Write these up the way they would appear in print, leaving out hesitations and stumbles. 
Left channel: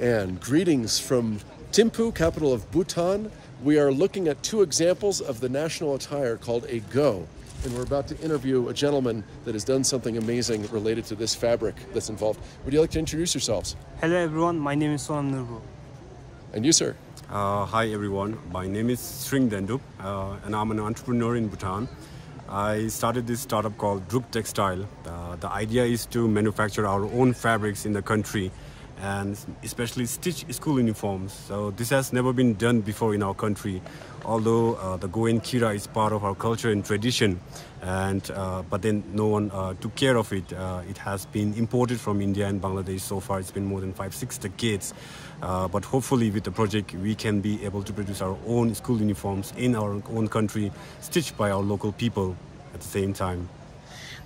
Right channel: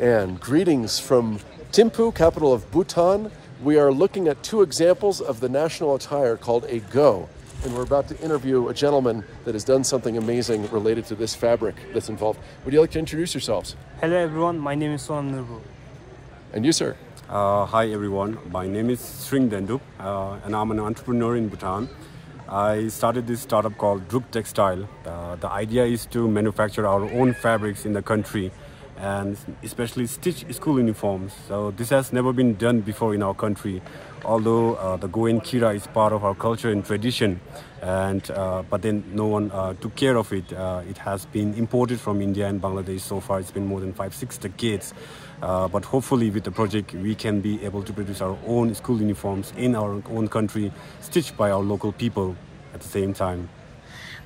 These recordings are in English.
And greetings from Thimphu, capital of Bhutan. We are looking at two examples of the national attire called a go. And we're about to interview a gentleman that has done something amazing related to this fabric that's involved. Would you like to introduce yourselves? Hello everyone, my name is Sonam Nurbu. And you, sir? Hi everyone, my name is Tshering and I'm an entrepreneur in Bhutan. I started this startup called Druk Textile. The idea is to manufacture our own fabrics in the country and especially stitch school uniforms. So this has never been done before in our country, although the Go and Kira is part of our culture and tradition, and but then no one took care of it. It has been imported from India and Bangladesh so far. It's been more than 5-6 decades, but hopefully with the project we can be able to produce our own school uniforms in our own country, stitched by our local people at the same time.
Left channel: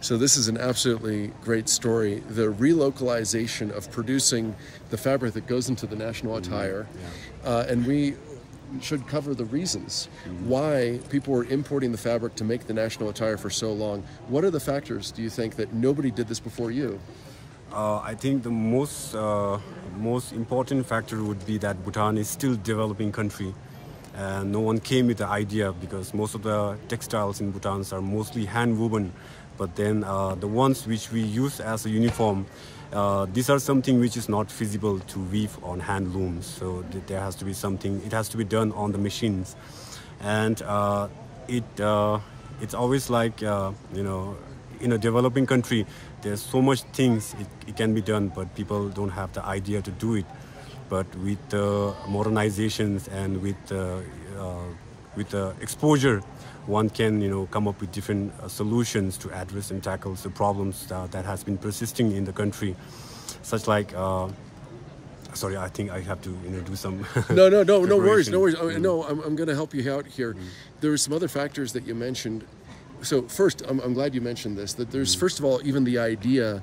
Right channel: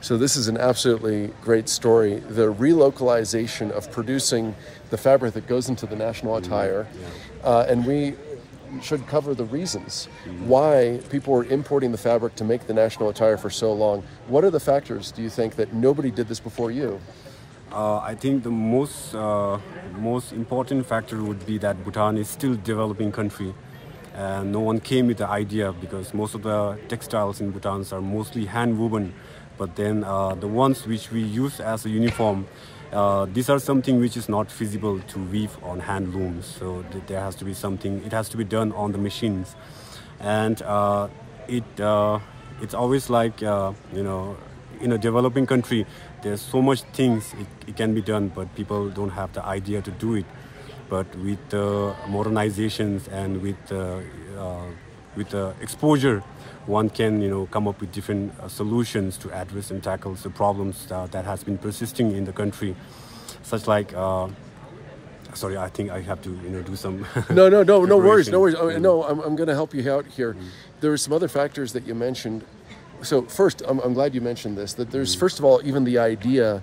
So this is an absolutely great story. The relocalization of producing the fabric that goes into the national attire. And we should cover the reasons why people were importing the fabric to make the national attire for so long. What are the factors, do you think, that nobody did this before you? I think the most important factor would be that Bhutan is still a developing country. And no one came with the idea because most of the textiles in Bhutan are mostly hand woven. But then the ones which we use as a uniform, these are something which is not feasible to weave on hand looms. So there has to be something, it has to be done on the machines. And it's always like, you know, in a developing country, there's so much things it can be done, but people don't have the idea to do it. But with modernizations and with the exposure, one can, you know, come up with different solutions to address and tackle the problems that has been persisting in the country, such like. Sorry, I think I have to, you know, do some. No worries. No, I'm going to help you out here. There are some other factors that you mentioned. So first, I'm glad you mentioned this. That there's first of all even the idea.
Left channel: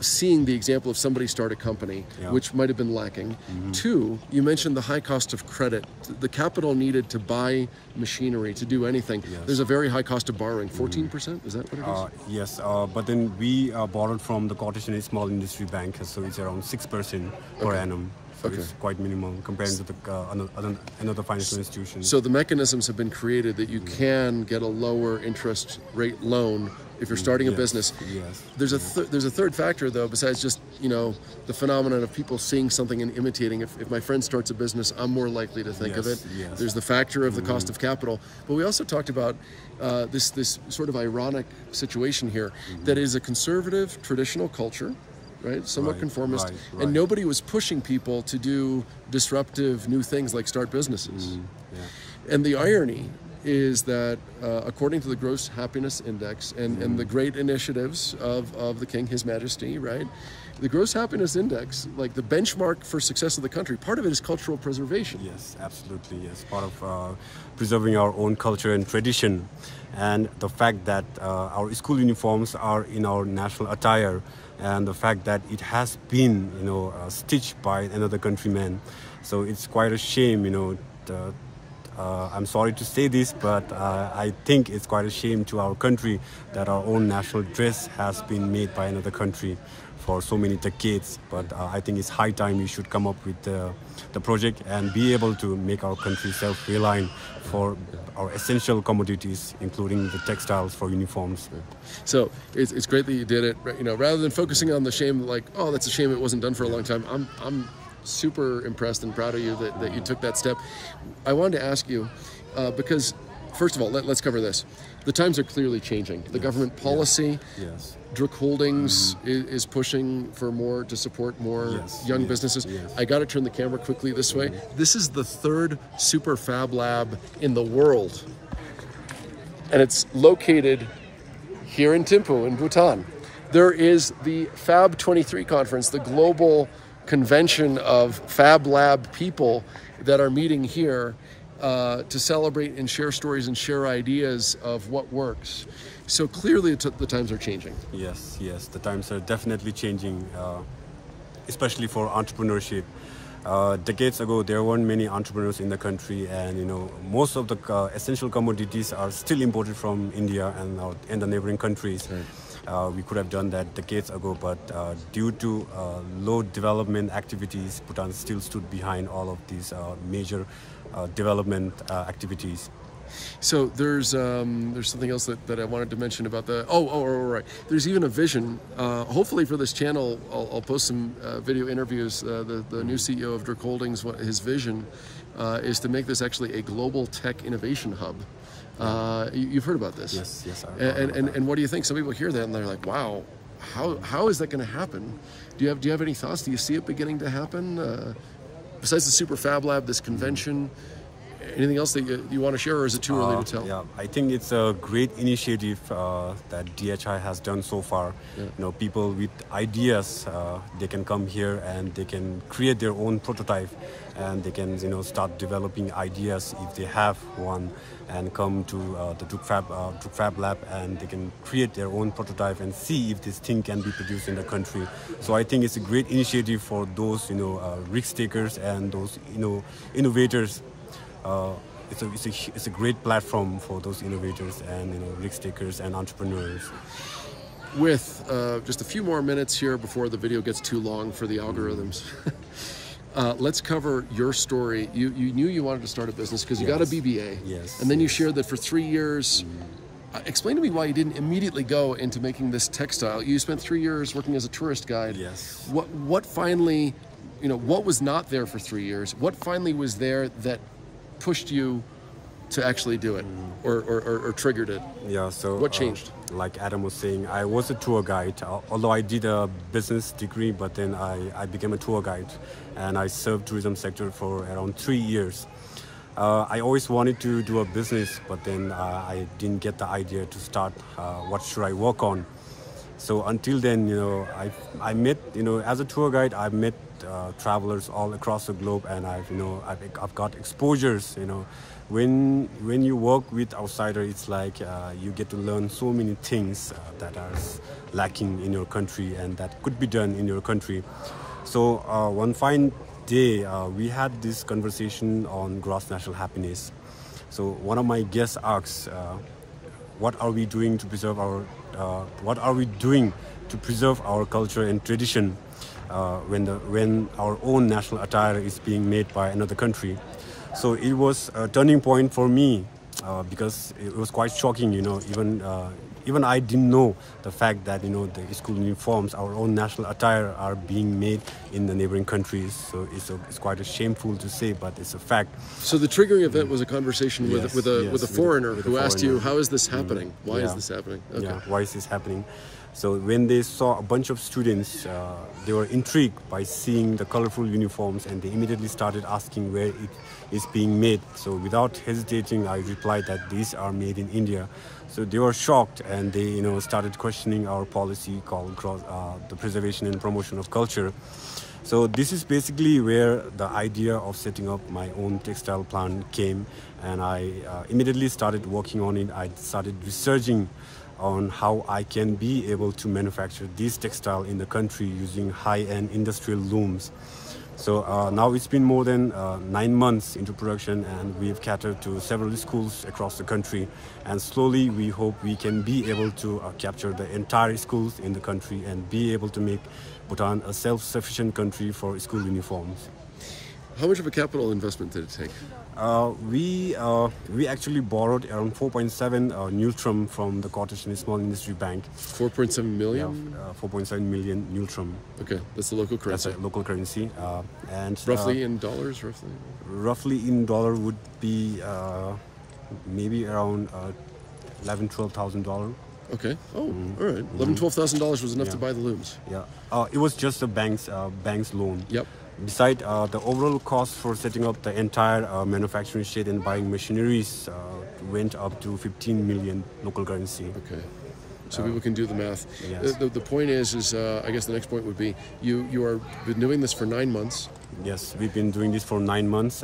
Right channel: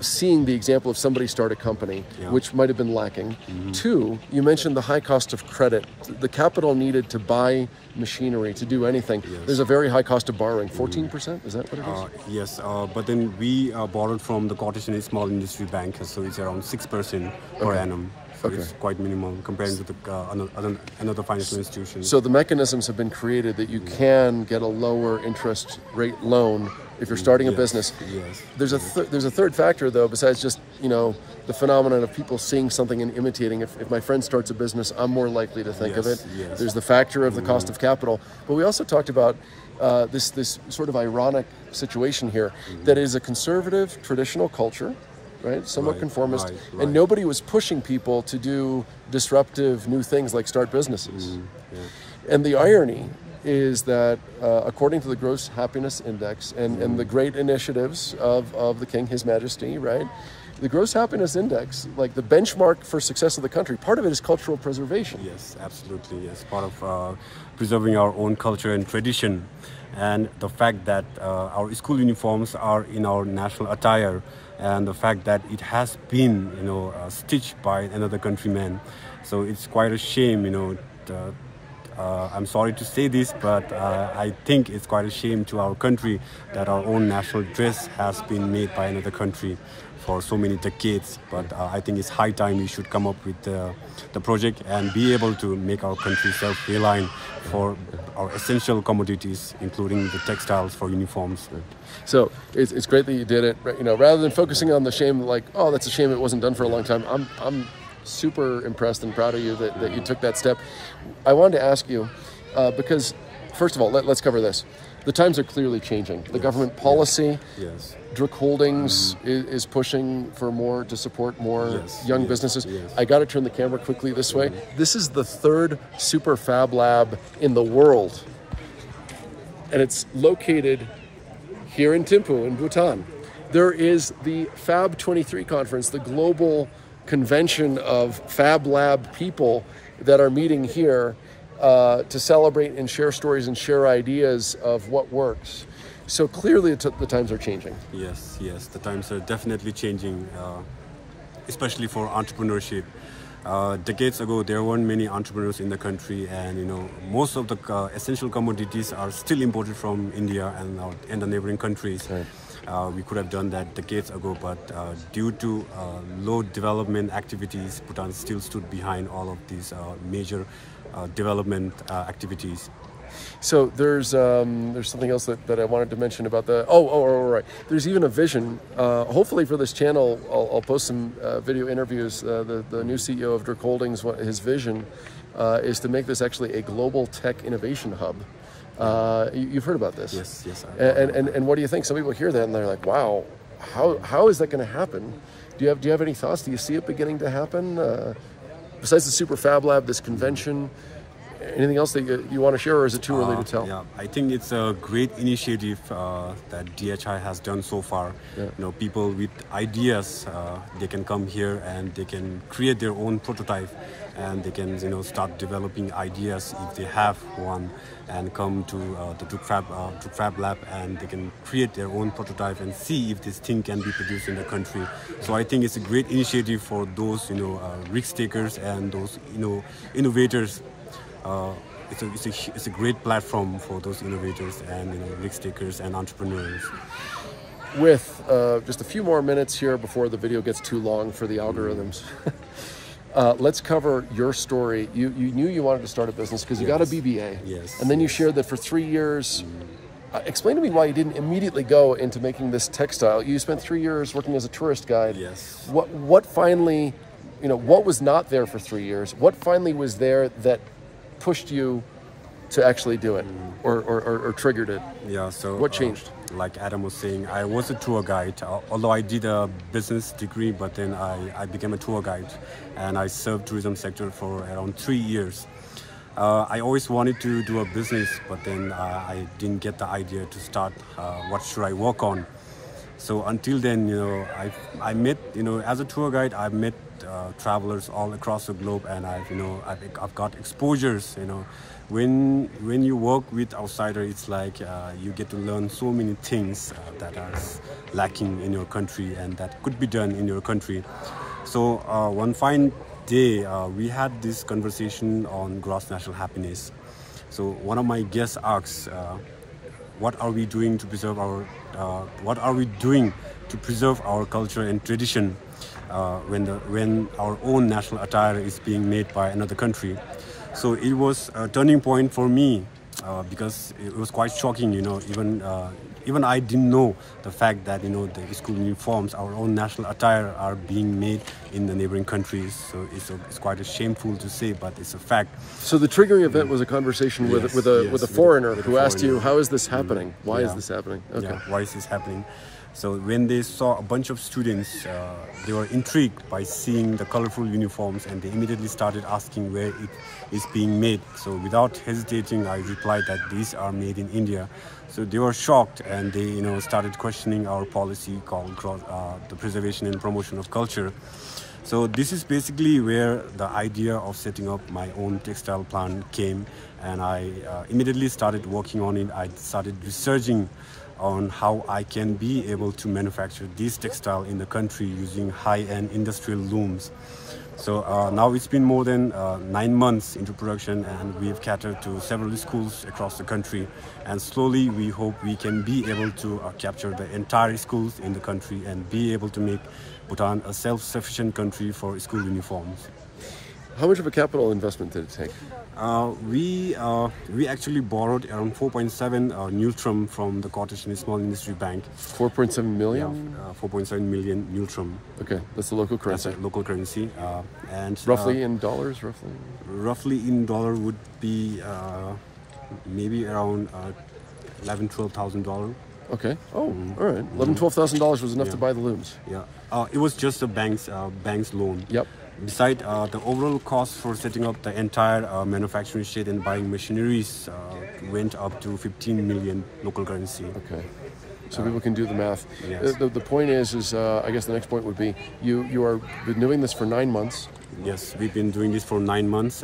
Seeing the example of somebody start a company, which might have been lacking. Two, you mentioned the high cost of credit, the capital needed to buy machinery, to do anything. There's a very high cost of borrowing, 14%, is that what it is? Yes, but then we borrowed from the Cottage and Small Industry Bank, so it's around 6% per annum. So it's quite minimal compared to the, another financial institution. So the mechanisms have been created that you can get a lower interest rate loan if you're starting a business. There's a third factor though, besides just, you know, the phenomenon of people seeing something and imitating. If my friend starts a business, I'm more likely to think of it. There's the factor of the cost of capital. But we also talked about this sort of ironic situation here that is a conservative, traditional culture, right? Somewhat conformist, and nobody was pushing people to do disruptive new things like start businesses. And the irony is that according to the Gross Happiness Index and the great initiatives of the King, His Majesty, right? The Gross Happiness Index, like the benchmark for success of the country, part of it is cultural preservation. Yes, absolutely. Yes, part of preserving our own culture and tradition. And the fact that our school uniforms are in our national attire, and the fact that it has been, you know, stitched by another countryman. So it's quite a shame, you know. I'm sorry to say this, but I think it's quite a shame to our country that our own national dress has been made by another country for so many decades. But I think it's high time we should come up with the project and be able to make our country self-reliant for our essential commodities, including the textiles for uniforms. So it's great that you did it. You know, rather than focusing on the shame, like, oh, that's a shame it wasn't done for a long time. I'm super impressed and proud of you that you took that step. I wanted to ask you, because first of all, let's cover this. The times are clearly changing. The government policy, Druk Holdings is pushing for more, to support more young businesses. I got to turn the camera quickly this way. This is the third super fab lab in the world. And it's located here in Thimphu in Bhutan. There is the Fab 23 conference, the global convention of Fab Lab people that are meeting here to celebrate and share stories and share ideas of what works. So clearly the times are changing. Yes, the times are definitely changing, especially for entrepreneurship. Decades ago, there weren't many entrepreneurs in the country, and you know, most of the essential commodities are still imported from India and the neighboring countries. We could have done that decades ago, but due to low development activities, Bhutan still stood behind all of these major development activities. So there's something else that I wanted to mention about the right. There's even a vision. Hopefully for this channel, I'll post some video interviews. The new CEO of Druk Holdings, his vision is to make this actually a global tech innovation hub. You've heard about this? Yes. And what do you think? Some people hear that and they're like, "Wow, how is that going to happen?" Do you have any thoughts? Do you see it beginning to happen? Besides the Super Fab Lab, this convention. Anything else that you want to share, or is it too early to tell? Yeah, I think it's a great initiative that DHI has done so far. Yeah. You know, people with ideas, they can come here and they can create their own prototype, and they can, you know, start developing ideas if they have one, and come to the Druk Fab Lab, and they can create their own prototype and see if this thing can be produced in the country. So I think it's a great initiative for those, you know, risk takers and those, you know, innovators. It's a great platform for those innovators and, you know, risk takers and entrepreneurs. With just a few more minutes here before the video gets too long for the algorithms, let's cover your story. You knew you wanted to start a business because you got a BBA. Yes. And then you shared that for 3 years. Explain to me why you didn't immediately go into making this textile. You spent 3 years working as a tourist guide. Yes. What finally, you know, what was not there for 3 years? What finally was there that pushed you to actually do it, or triggered it? Yeah, so what changed? Like Adam was saying, I was a tour guide, although I did a business degree, but then I became a tour guide, and I served tourism sector for around 3 years. I always wanted to do a business, but then I didn't get the idea to start what should I work on. So until then, you know, I met, you know, as a tour guide, I've met travelers all across the globe, and I've got exposures. You know, when you work with outsider, it's like you get to learn so many things that are lacking in your country and that could be done in your country. So one fine day, we had this conversation on gross national happiness. So one of my guests asked, what are we doing to preserve our culture and tradition when our own national attire is being made by another country? So it was a turning point for me because it was quite shocking. You know, even I didn't know the fact that, you know, the school uniforms, our own national attire, are being made in the neighboring countries. So it's quite shameful to say, but it's a fact. So the triggering event was a conversation with a foreigner who asked you, "How is this happening? Why is this happening?" Okay. Yeah, why is this happening? So when they saw a bunch of students, they were intrigued by seeing the colorful uniforms, and they immediately started asking where it is being made. So without hesitating, I replied that these are made in India. So they were shocked, and they, you know, started questioning our policy called the preservation and promotion of culture. So this is basically where the idea of setting up my own textile plant came, and I immediately started working on it. I started researching on how I can be able to manufacture these textile in the country using high-end industrial looms. So now it's been more than 9 months into production, and we've catered to several schools across the country, and slowly we hope we can be able to capture the entire schools in the country and be able to make Bhutan a self-sufficient country for school uniforms. How much of a capital investment did it take? We actually borrowed around 4.7 Neutrum from the Cottage and Small Industry Bank. 4.7 million? Yeah, 4.7 million Neutrum. Okay, that's the local currency. That's a local currency. And roughly in dollars, roughly? Roughly in dollar would be maybe around $11,000–12,000. Okay. Oh, all right. $11,000–12,000 was enough to buy the looms. Yeah. It was just a bank's loan. Yep. Besides, the overall cost for setting up the entire manufacturing state and buying machineries went up to 15 million local currency. Okay. So people can do the math. Yes. The point is I guess the next point would be, you are been doing this for 9 months. Yes, we've been doing this for 9 months,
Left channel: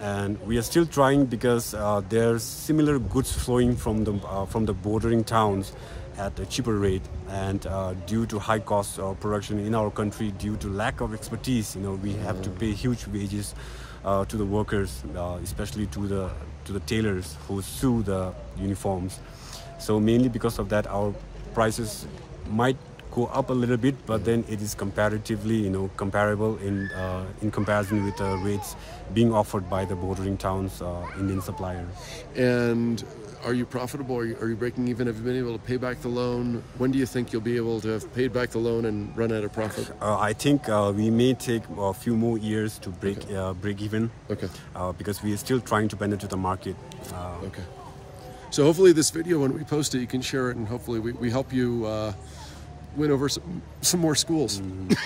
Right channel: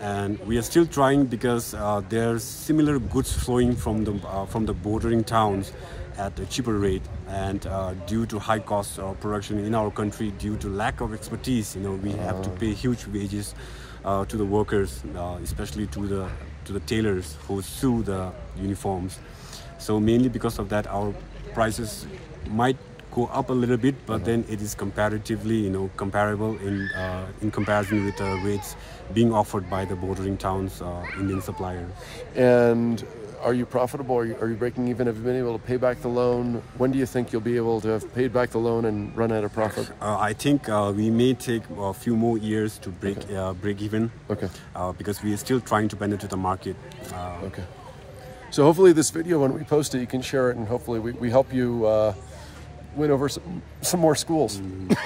and we are still trying because there's similar goods flowing from the bordering towns at a cheaper rate, and due to high cost of production in our country, due to lack of expertise, you know, we have to pay huge wages to the workers, especially to the tailors who sew the uniforms. So mainly because of that, our prices might go up a little bit, but then it is comparatively, comparable in comparison with the rates being offered by the bordering towns Indian suppliers. And are you profitable? Are you breaking even? Have you been able to pay back the loan? When do you think you'll be able to have paid back the loan and run at a profit? I think we may take a few more years to break even. Okay. Because we are still trying to penetrate the market. Okay. So hopefully this video, when we post it, you can share it, and hopefully we help you win over some more schools.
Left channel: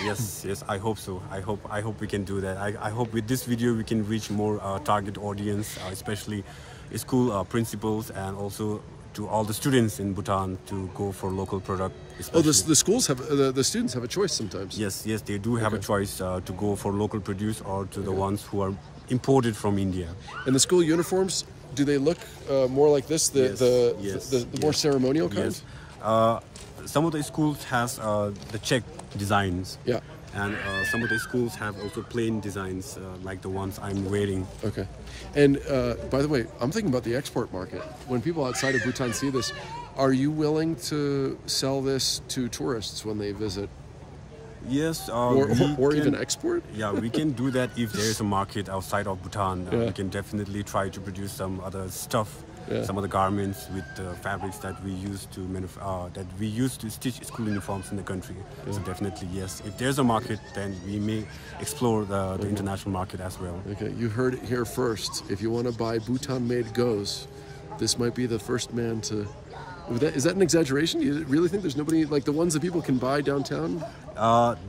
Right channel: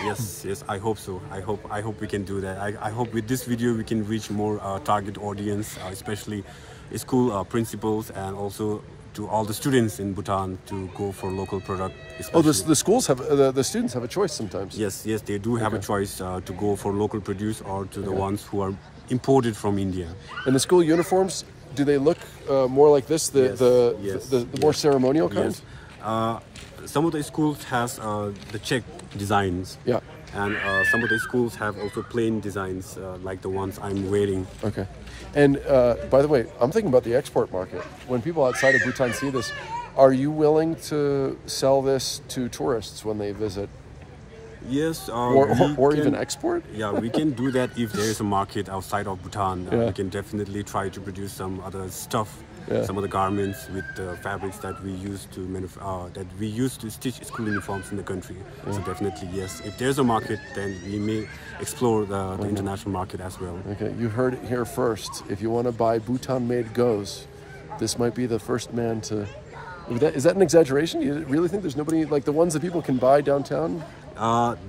Yes, I hope so. I hope we can do that. I hope with this video we can reach more target audience, especially school principals, and also to all the students in Bhutan to go for local product. Oh, the schools have the students have a choice sometimes. Yes, they do have a choice to go for local produce or to the ones who are imported from India. And the school uniforms, do they look more like this? The more ceremonial kinds? Yes. Some of the schools has the check designs. Yeah. And some of the schools have also plain designs like the ones I'm wearing. Okay. And by the way, I'm thinking about the export market. When people outside of Bhutan see this, are you willing to sell this to tourists when they visit? Yes. Or even export? Yeah, we can do that if there is a market outside of Bhutan. We can definitely try to produce some other stuff. Some of the garments with the fabrics that we use to stitch school uniforms in the country. So definitely yes. If there's a market, then we may explore the international market as well. Okay, you heard it here first. If you want to buy Bhutan-made gos, this might be the first man to. Is that an exaggeration? You really think there's nobody like the ones that people can buy downtown?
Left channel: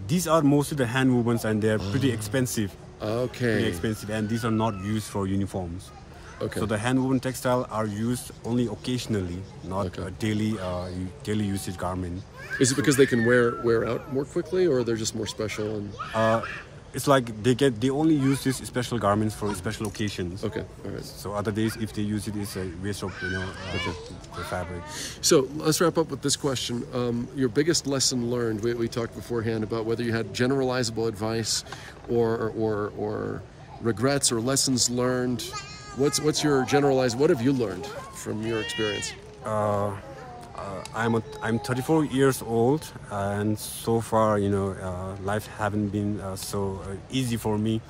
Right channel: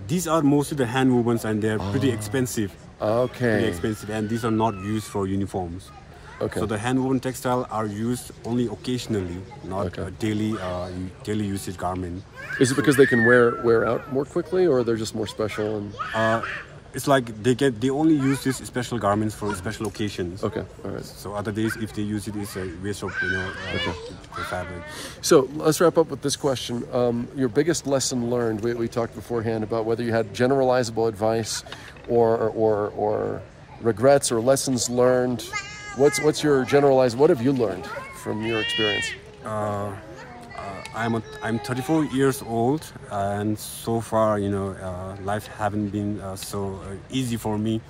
These are mostly the hand movements, and they're pretty expensive. Okay. Pretty expensive, and these are not used for uniforms. Okay. So the hand-woven textile are used only occasionally, not daily usage garment. Is it because they can wear out more quickly, or they're just more special? And it's like they only use these special garments for special occasions. Okay, all right. So other days, if they use it, it's a waste of the fabric. So let's wrap up with this question. Your biggest lesson learned. We talked beforehand about whether you had generalizable advice or regrets or lessons learned. What's your generalized? What have you learned from your experience? I'm 34 years old, and so far, life haven't been so easy for me.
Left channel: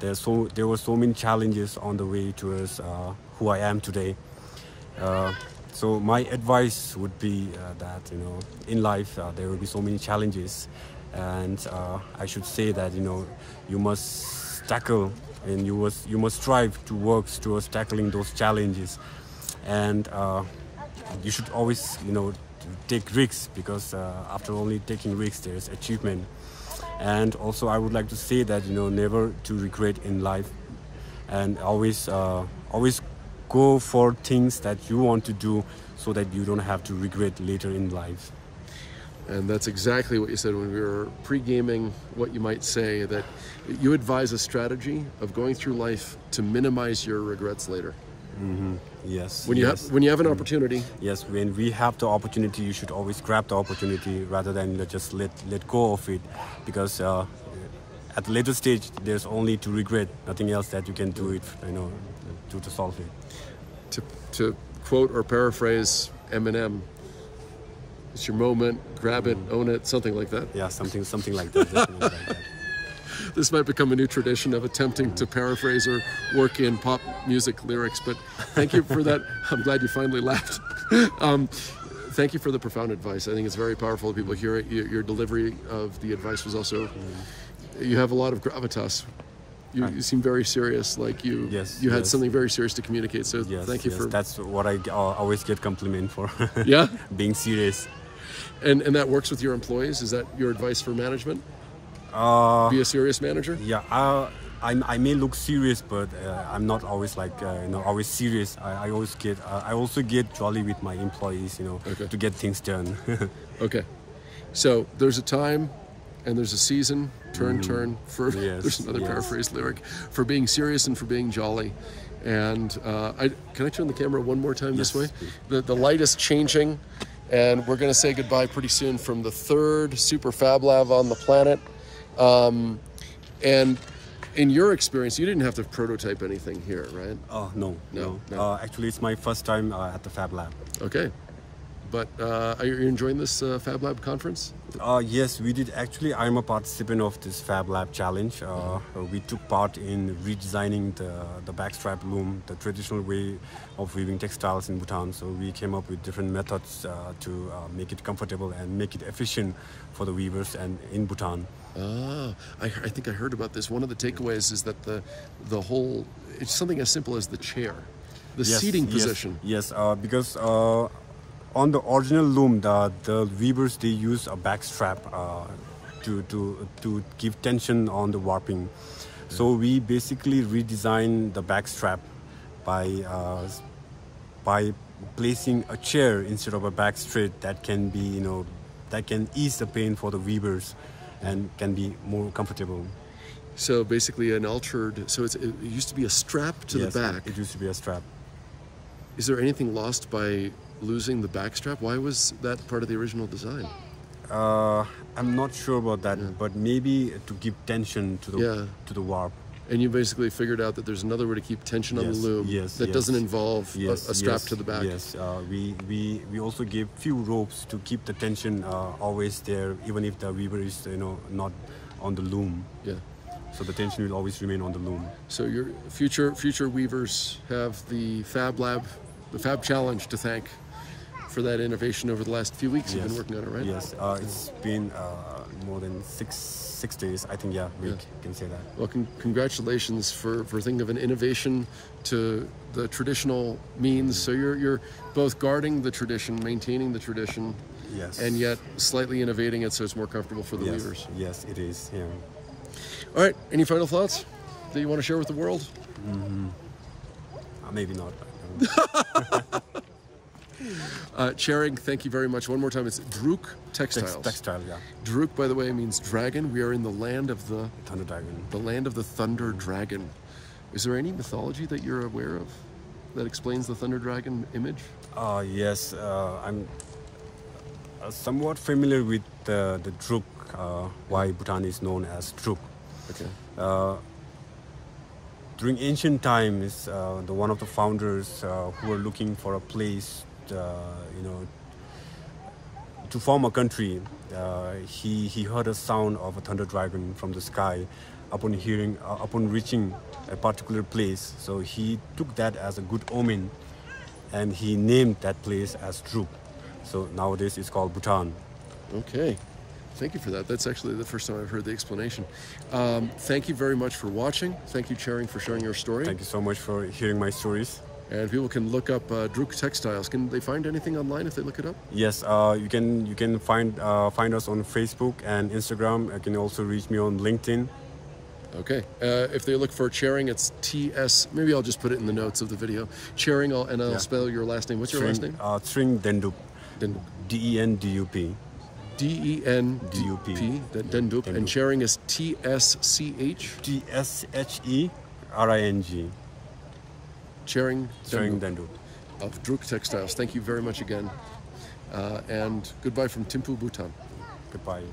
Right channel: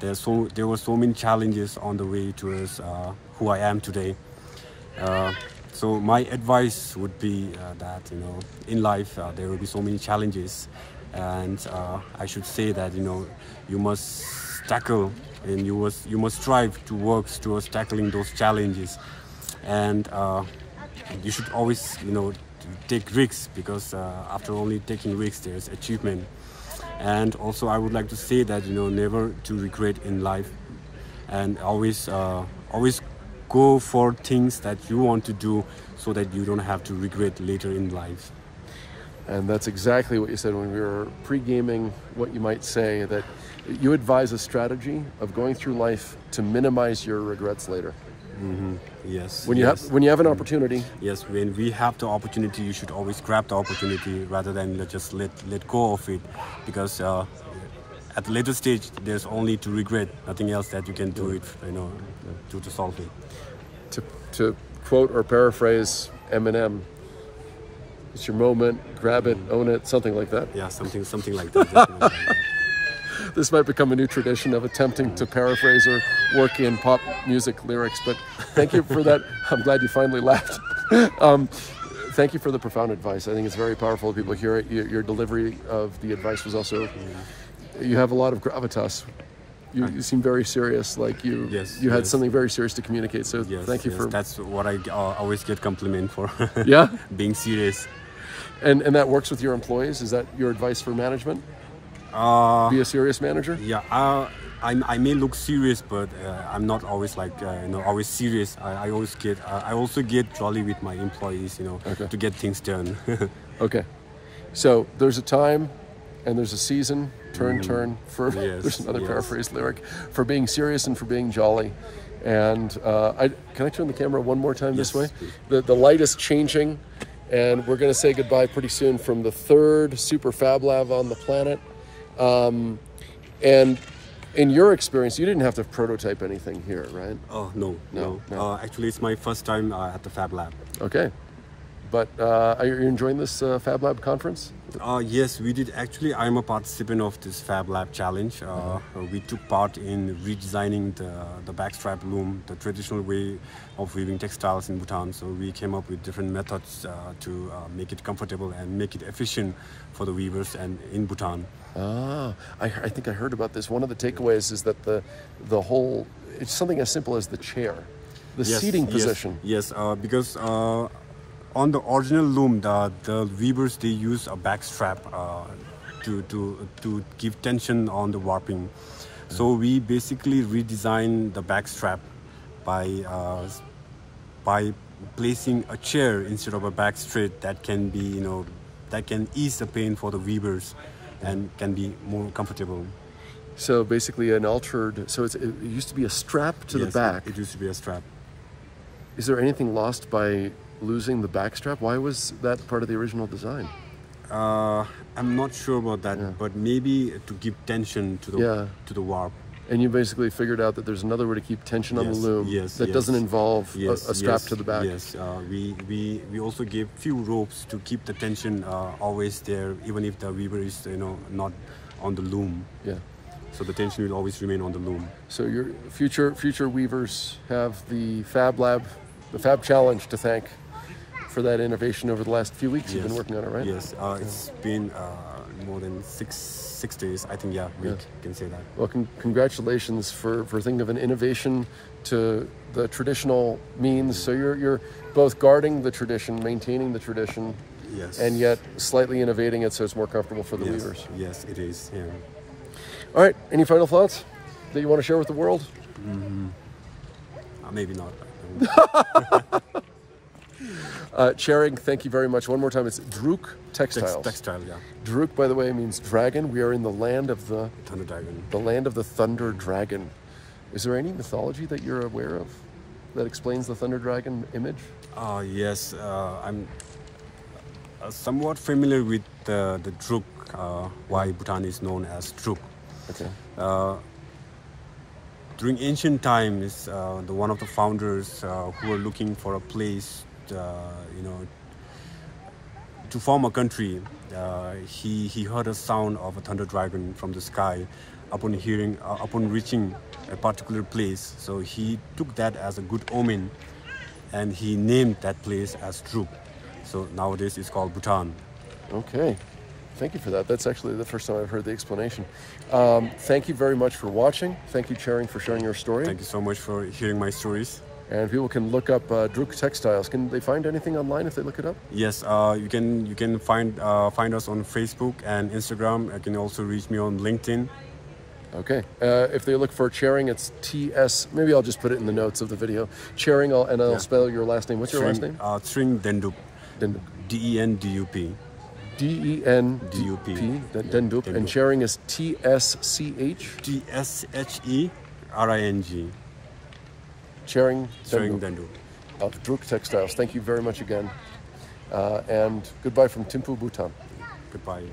There were so many challenges on the way towards who I am today. So my advice would be that in life there will be so many challenges, and I should say that you must tackle. And you must strive to work towards tackling those challenges, and you should always take risks, because after only taking risks there's achievement. And also I would like to say that never to regret in life, and always go for things that you want to do, so that you don't have to regret later in life. And that's exactly what you said when we were pre-gaming, what you might say, that you advise a strategy of going through life to minimize your regrets later. Yes. When you have an opportunity. Yes, when we have the opportunity, you should always grab the opportunity rather than just let go of it, because at the later stage there's only to regret, nothing else that you can do it to solve it. To quote or paraphrase Eminem, it's your moment, grab it, own it, something like that. Yeah, something like that. Definitely like that. This might become a new tradition of attempting to paraphrase or work in pop music lyrics, but thank you for that. I'm glad you finally laughed. Thank you for the profound advice. I think it's very powerful. People hear it. Your delivery of the advice was also, you have a lot of gravitas. You seem very serious, like you had something very serious to communicate. So thank you for. That's what I always get compliment for. Yeah, being serious. And that works with your employees. Is that your advice for management? Be a serious manager. Yeah, I may look serious, but I'm not always always serious. I also get jolly with my employees, to get things done. Okay, so there's a time and there's a season, turn for there's another paraphrase lyric, for being serious and for being jolly. And can I turn the camera one more time this way? The light is changing, and we're going to say goodbye pretty soon from the third super fab lab on the planet. And in your experience, you didn't have to prototype anything here, right? Oh, no. Actually, it's my first time at the Fab Lab. Okay. But are you enjoying this Fab Lab conference? Yes, we did. Actually, I'm a participant of this Fab Lab challenge. We took part in redesigning the backstrap loom, the traditional way of weaving textiles in Bhutan. So we came up with different methods to make it comfortable and make it efficient for the weavers and in Bhutan. Ah, I think I heard about this. One of the takeaways is that the whole, it's something as simple as the chair, the seating position. Yes, because on the original loom, the weavers, they use a back strap to give tension on the warping. So we basically redesigned the back strap by placing a chair instead of a back straight that can be, you know, that can ease the pain for the weavers and can be more comfortable. So basically an altered, so it used to be a strap to the back. It used to be a strap. Is there anything lost by losing the back strap? Why was that part of the original design? I'm not sure about that, but maybe to give tension to the warp. And you basically figured out that there's another way to keep tension on the loom that doesn't involve a strap to the back. Yes, we also gave few ropes to keep the tension always there, even if the weaver is, you know, not on the loom. Yeah. So the tension will always remain on the loom. So your future weavers have the Fab Lab, the Fab Challenge to thank for that innovation over the last few weeks. You've been working on it, right? Yes, it's been more than six days, I think. Yeah, we can say that. Well, congratulations for thinking of an innovation to the traditional means. So you're both guarding the tradition, maintaining the tradition, and yet slightly innovating it so it's more comfortable for the weavers. Yes, it is. Yeah. All right. Any final thoughts that you want to share with the world? Maybe not. Tshering, thank you very much. One more time, it's Druk Textiles. Textile, yeah. Druk, by the way, means dragon. We are in the land of the Thunder Dragon. The land of the Thunder Dragon. Is there any mythology that you're aware of that explains the Thunder Dragon image? Yes, I'm somewhat familiar with the Druk, why Bhutan is known as Druk. Okay. During ancient times, one of the founders who were looking for a place, you know, to form a country, he heard a sound of a thunder dragon from the sky. Upon reaching a particular place, so he took that as a good omen, and he named that place as Druk. So nowadays it's called Bhutan. Okay. Thank you for that. That's actually the first time I've heard the explanation. Thank you very much for watching. Thank you, Tshering, for sharing your story. Thank you so much for hearing my stories. And people can look up Druk Textiles. Can they find anything online if they look it up? Yes, you can find us on Facebook and Instagram. You can also reach me on LinkedIn. Okay. If they look for Tshering, it's TS. Maybe I'll just put it in the notes of the video. Tshering, and I'll spell your last name. What's your last name? Tshering Dendup. D-E-N-D-U-P. D-E-N-D-U-P. Dendup. And Tshering is T-S-C-H? T-S-H-E-R-I-N-G. Tshering Dendup of Druk Textiles. Thank you very much again. And goodbye from Thimphu, Bhutan. Goodbye.